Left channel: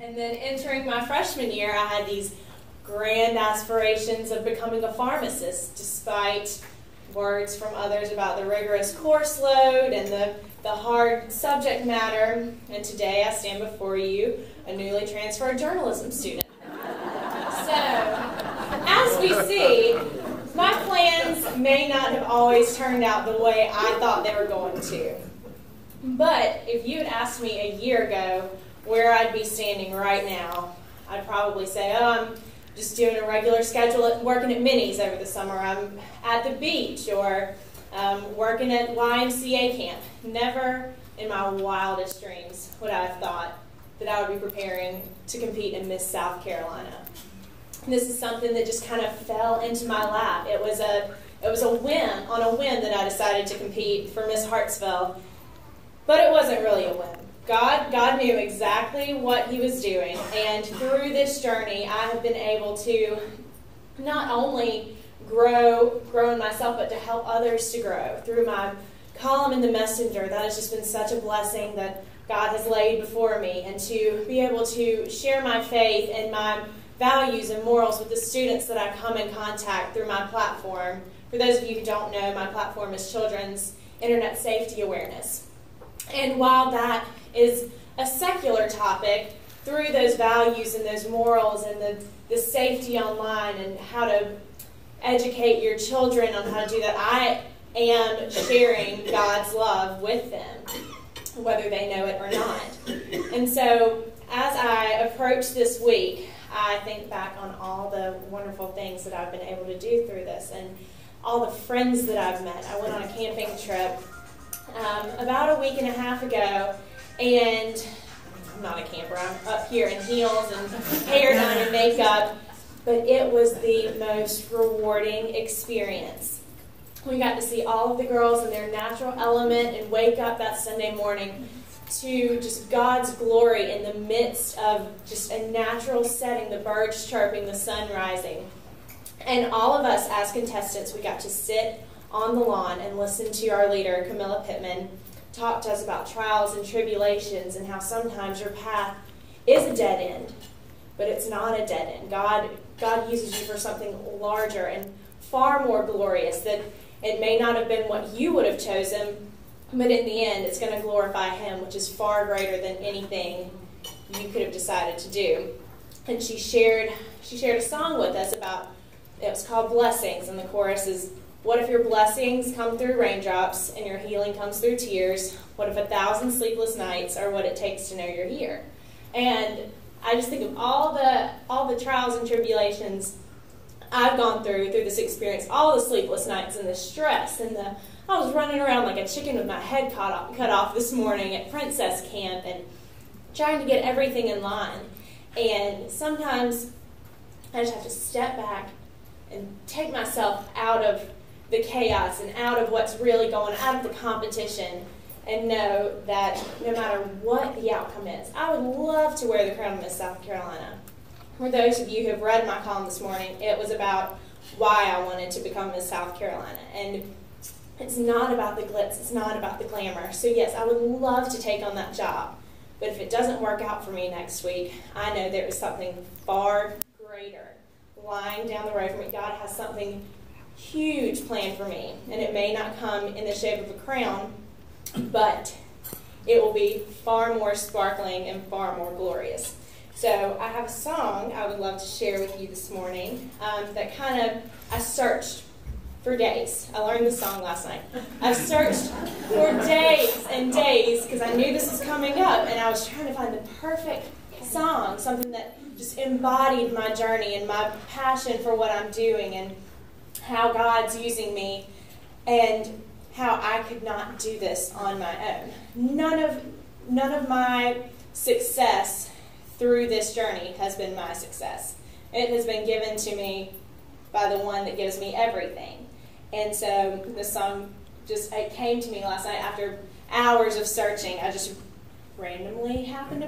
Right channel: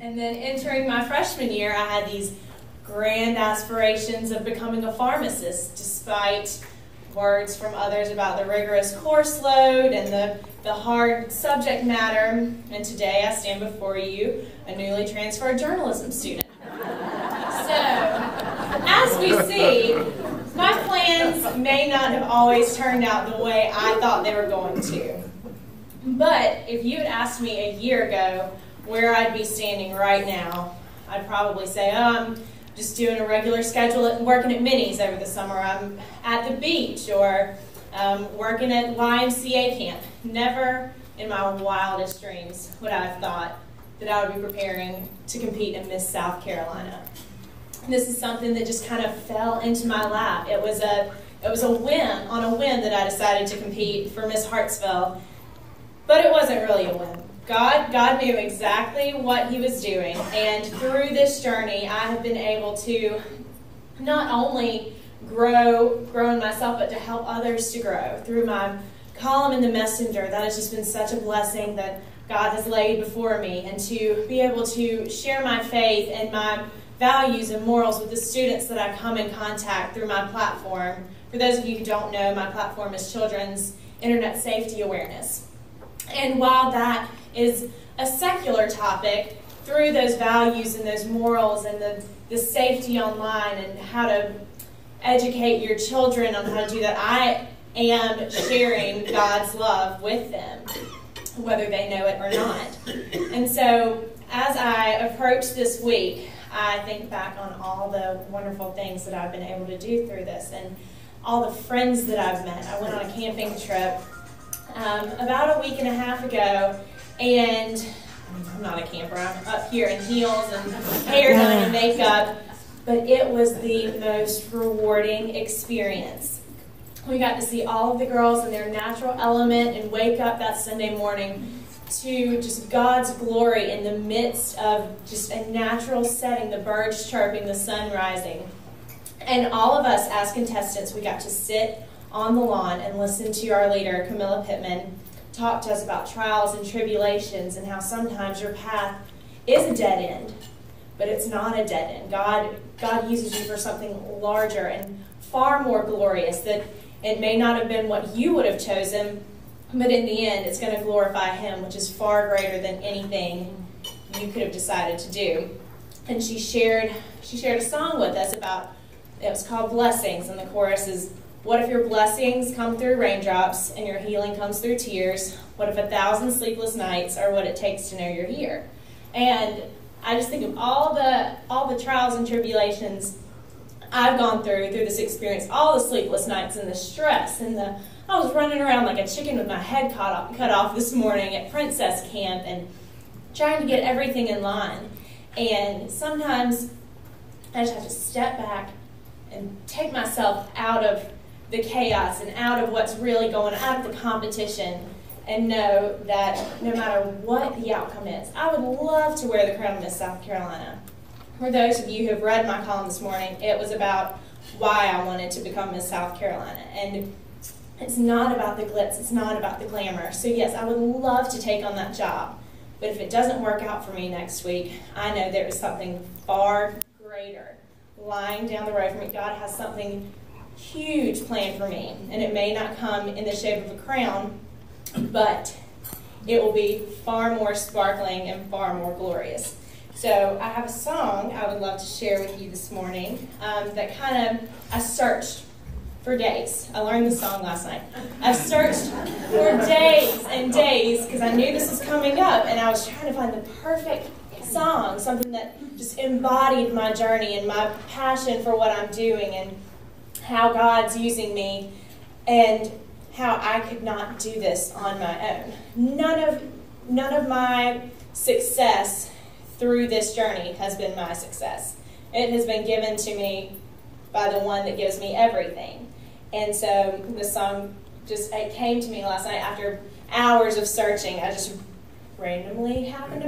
And then entering my freshman year, I had these grand aspirations of becoming a pharmacist, despite words from others about the rigorous course load and the hard subject matter. And today I stand before you, a newly transferred journalism student. So, as we see, my plans may not have always turned out the way I thought they were going to. But if you had asked me a year ago where I'd be standing right now, I'd probably say, oh, I'm just doing a regular schedule at working at Minnie's over the summer. I'm at the beach or working at YMCA camp. Never in my wildest dreams would I have thought that I would be preparing to compete in Miss South Carolina. And this is something that just kind of fell into my lap. It was a whim that I decided to compete for Miss Hartsville, but it wasn't really a whim. God knew exactly what He was doing, and through this journey, I have been able to not only grow in myself, but to help others to grow through my column in the Messenger. That has just been such a blessing that God has laid before me, and to be able to share my faith and my values and morals with the students that I come in contact through my platform. For those of you who don't know, my platform is Children's Internet Safety Awareness. And while that is a secular topic, through those values and those morals and the safety online and how to educate your children on how to do that, I am sharing God's love with them, whether they know it or not. And so as I approach this week, I think back on all the wonderful things that I've been able to do through this and all the friends that I've met. I went on a camping trip about a week and a half ago, and I'm not a camper, I'm up here in heels and hair done and makeup, but it was the most rewarding experience. We got to see all of the girls in their natural element and wake up that Sunday morning to just God's glory in the midst of just a natural setting, the birds chirping, the sun rising. And all of us as contestants, we got to sit on the lawn and listen to our leader, Camilla Pittman, talk to us about trials and tribulations and how sometimes your path is a dead end, but it's not a dead end. God uses you for something larger and far more glorious, that it may not have been what you would have chosen, but in the end, it's going to glorify Him, which is far greater than anything you could have decided to do. And she shared a song with us about, it was called Blessings, and the chorus is, what if your blessings come through raindrops and your healing comes through tears? What if 1,000 sleepless nights are what it takes to know you're here? And I just think of all the trials and tribulations I've gone through this experience, all the sleepless nights and the stress and I was running around like a chicken with my head cut off this morning at Princess Camp and trying to get everything in line. And sometimes I just have to step back and take myself out of the chaos and out of what's really going on, out of the competition, and know that no matter what the outcome is, I would love to wear the crown of Miss South Carolina. For those of you who have read my column this morning, it was about why I wanted to become Miss South Carolina. And it's not about the glitz, it's not about the glamour. So yes, I would love to take on that job. But if it doesn't work out for me next week, I know there is something far greater lying down the road for me. God has something huge planned for me. And it may not come in the shape of a crown, but it will be far more sparkling and far more glorious. So I have a song I would love to share with you this morning that I searched for days. I learned this song last night. I searched for days and days because I knew this was coming up, and I was trying to find the perfect song, something that just embodied my journey and my passion for what I'm doing and how God's using me and how I could not do this on my own. None of my success through this journey has been my success. It has been given to me by the one that gives me everything. And so this song it came to me last night after hours of searching. I just randomly happened to